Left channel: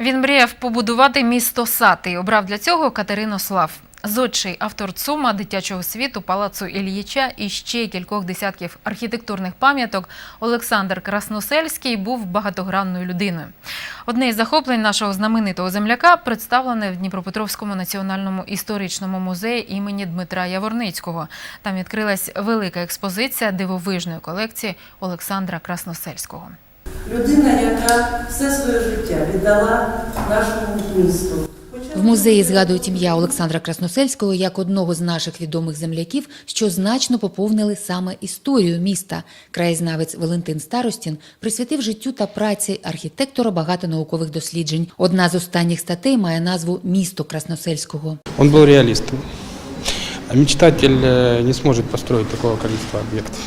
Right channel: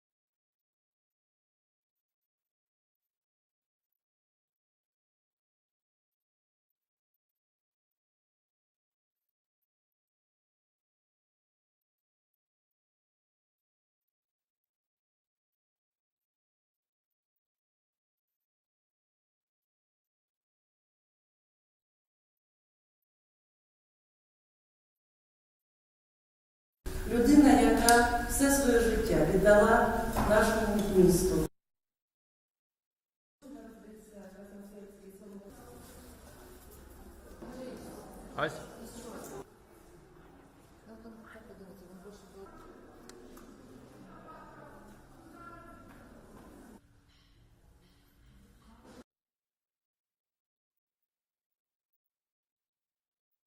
Він мріяв побудувати місто сад і обрав для цього Катеринослав. Зодчий автор ЦУМа дитячого світу палацу Ільїча і ще кількох десятків архітектурних пам'яток Олександр Красносельський був багатогранною людиною. Одне із захоплень нашого знаменитого земляка представлене в Дніпропетровському національному історичному музеї імені Дмитра Яворницького. Там відкрилась велика експозиція дивовижної колекції Олександра Красносельського Людина, яка все своє життя віддала нашому місту. В музеї згадують ім'я Олександра Красносельського як одного з наших відомих земляків, що значно поповнили саме історію міста. Краєзнавець Валентин Старостін присвятив життю та праці архітектора багато наукових досліджень. Одна з останніх статей має назву Місто Красносельського. Он был реалистом. А мечтатель э, не сможет построить такого количества объектов.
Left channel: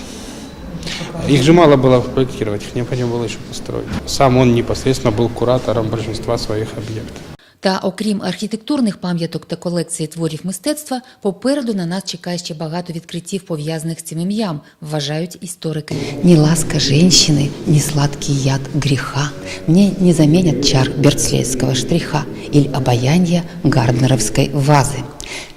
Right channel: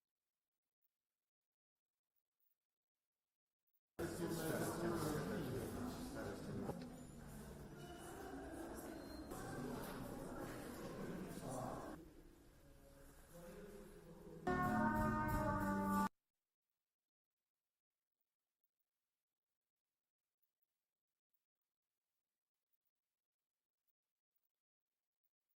Их же мало было проектировать, их необходимо было еще построить. Сам он непосредственно был куратором большинства своих объектов. Та окрім архітектурних пам'яток та колекції творів мистецтва, попереду на нас чекає ще багато відкриттів пов'язаних з цим ім'ям, вважають історики. Ні ласка жінщини, ні сладкий яд гріха, мені не замінять чар берцлейського штриха іль обаяння гарднеровської вази.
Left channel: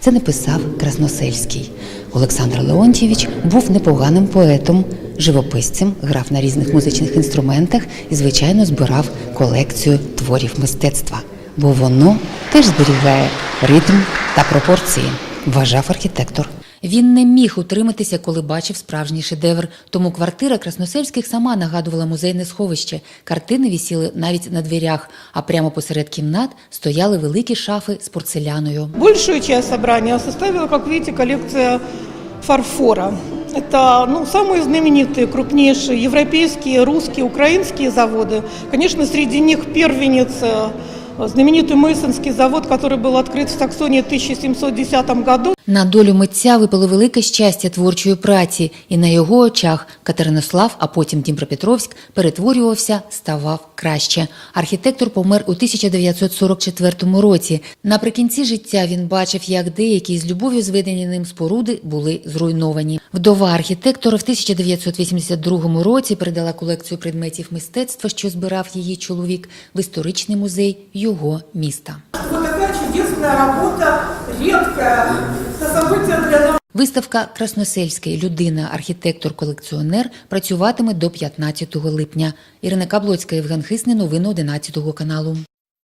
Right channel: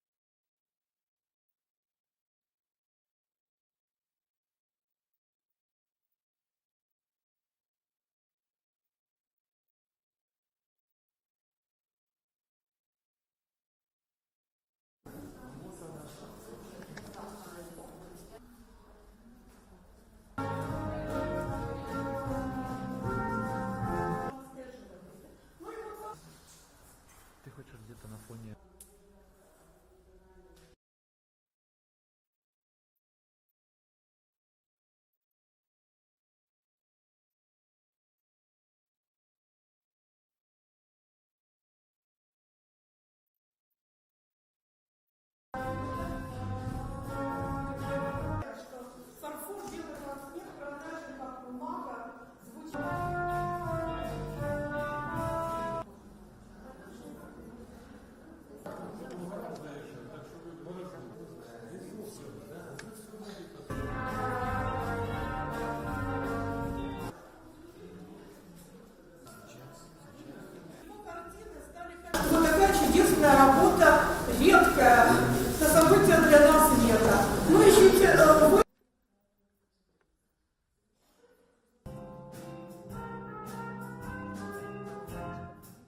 Це написав Красносельський. Олександр Леонтьєвич був непоганим поетом, живописцем, грав на різних музичних інструментах і, звичайно, збирав колекцію творів мистецтва бо воно теж зберігає ритм та пропорції, вважав архітектор. Він не міг утриматися, коли бачив справжній шедевр. Тому квартира Красносельських сама нагадувала музейне сховище. Картини вісіли навіть на дверях, а прямо посеред кімнат стояли великі шафи з порцеляною. Большую часть собрания составила, как видите, коллекция фарфора. Это ну, самые знаменитые, крупнейшие европейские, русские, украинские заводы. Конечно, среди них первенец э, знаменитый Мейсонский завод, который был открыт в Саксонии в 1710 году. На долю митця випало велике щастя творчої праці, і на його очах Катеринослав, а потім Дніпропетровськ, перетворювався, ставав краще. Архітектор помер у 1944 році. Наприкінці життя він бачив, як деякі з любов'ю зведені ним споруди були зруйновані. Вдова архітектора в 1982 році передала колекцію предметів мистецтва, що збирав її чоловік, в історичний музей його міста. Событие для нас. Виставка Красносельська людина, архітектор-колекціонер працюватиме до 15 липня. Ірина Каблоцька, Євген Хисний. Новини 11 каналу.